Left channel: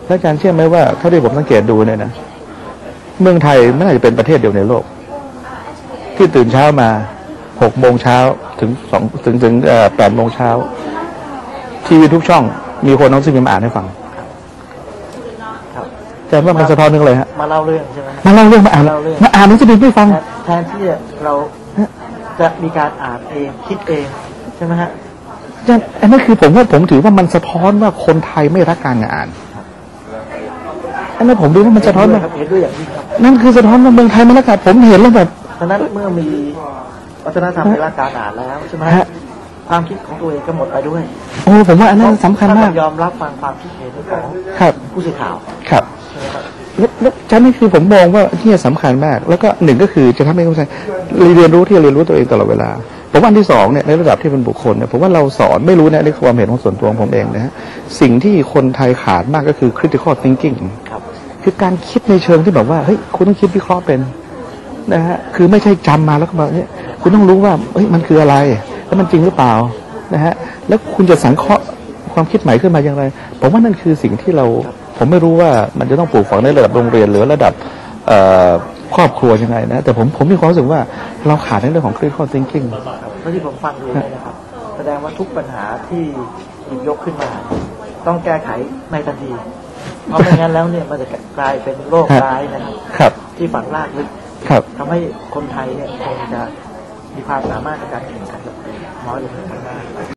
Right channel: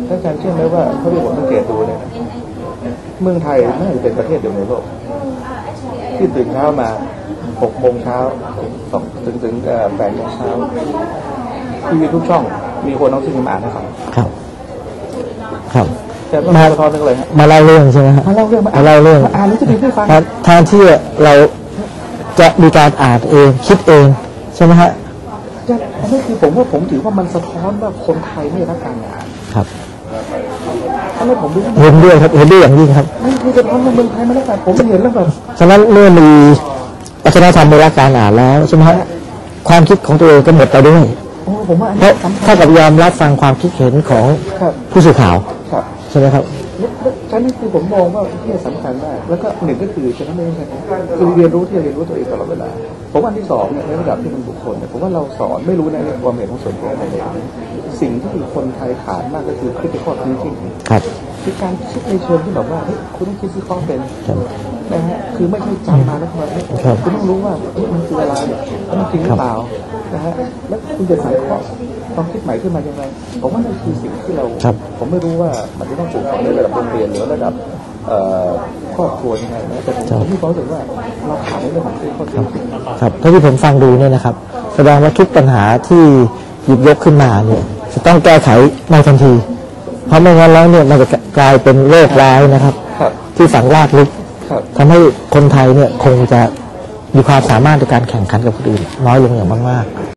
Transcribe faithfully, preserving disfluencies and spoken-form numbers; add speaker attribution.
Speaker 1: และการเชื่อไหมว่าเขาที่ผมสังเกตดูเนี่ยนะเมืองไทยไม่น่าจะเป็นประเทศเดียวในโลกที่ตื่นเช้ามาหกโมงเช้าถึงสองถึงถึงแปดโมงเช้าทีวีทุกช่องมีคนน้องซึ่งมาอ่านให้ฟัง
Speaker 2: ครับครับ
Speaker 1: แต่ว่ามาเฉพาะนึงเลยฮะ
Speaker 2: มาเล่าเรื่องใช่ไหม
Speaker 1: มาเล่าเรื่องมาอ่าน
Speaker 2: เล่าเรื่อง
Speaker 1: มาอ่านหนังสือพิมพ์ให้ฟัง
Speaker 2: แทนที่เราจะมีการอ่านเองคิดเองใช่ไหมฮะ
Speaker 1: อันนั้นคือผมว่าผมถือว่ามันสะท้อนว่าคนไทยไม่รักการอ่าน
Speaker 2: ครับ
Speaker 1: อันนั้นผมดูว่ามัน
Speaker 2: เห็นด้วยครับเห็นด้วยอย่างยิ่งครับ
Speaker 1: นั่นคือสะท้อนว่าเมืองไทยไม่รักการผมเห็นแล้วแบบ
Speaker 2: ฉะนั้นเมื่อมีวัฒนธรรมไม่รักการอ่านแล้วใช่ไหมฮะความคิดของตัวเองก็หมดไปด้วย
Speaker 1: โอ้ผมว่าอันนั้นสำคัญ
Speaker 2: ถ้ากับยอมรับฟังความคิดเห็นของผู้สื่อข่าว
Speaker 1: ครับ
Speaker 2: ใช่ไหมครับ
Speaker 1: แล้วฉะนั้นคือผมมองว่าที่สำคัญมากแล้วก็หนึ่งก็คือจะทำให้คนไทยเรียนรู้ที่เรียนรู้ตัวเองตลอดเวลาผมว่าอันที่สองเนี่ยในระดับที่เป็นบุคคลเนี่ยผมว่าเราสอนไม่รู้นะในความเห็นของส่วนตัวของผมเองนะฮะสิ่งที่คนไทยขาดมากก็คือ critical thinking
Speaker 2: ครับ
Speaker 1: คือการคิดในเชิงที่แบบว่าเฮ้ยคุณต้องคิดวิเคราะห์เป็นนะฮะคือไม่ใช่จำมาแล้วก็มาเนี่ยคุณต้องรู้ว่าเฮ้ยมันคืออะไรแล้วมันจริงหรือเปล่านะฮะแล้วคุณจะสังเคราะห์ความคิดใหม่ขึ้นมาอย่างไรผมว่านั่นคือสิ่งที่เราผมไม่รู้ว่ามันจะต้องปลูกฝังในระดับโรงเรียนหรือระดับครอบครัวยังไงนะแต่ผมผมมีความรู้สึกว่าเราขาดในเรื่องของ critical thinking
Speaker 2: ครับเท่าที่ผมฟังดูเนี่ยนะครับแสดงว่าทุกปัญหาที่หยิบยกขึ้นมาเนี่ยจะต้องแก้ไขในทันทีเพราะไม่งั้นแล้วเนี่ยมันจะกลายเป็นโรคร้ายนะครับที่ฝังรากลึกทำให้คนไทยเนี่ยคงจะมีความสามารถในการแข่งขันกับคนอื่นน้อยลงอย่างมากๆ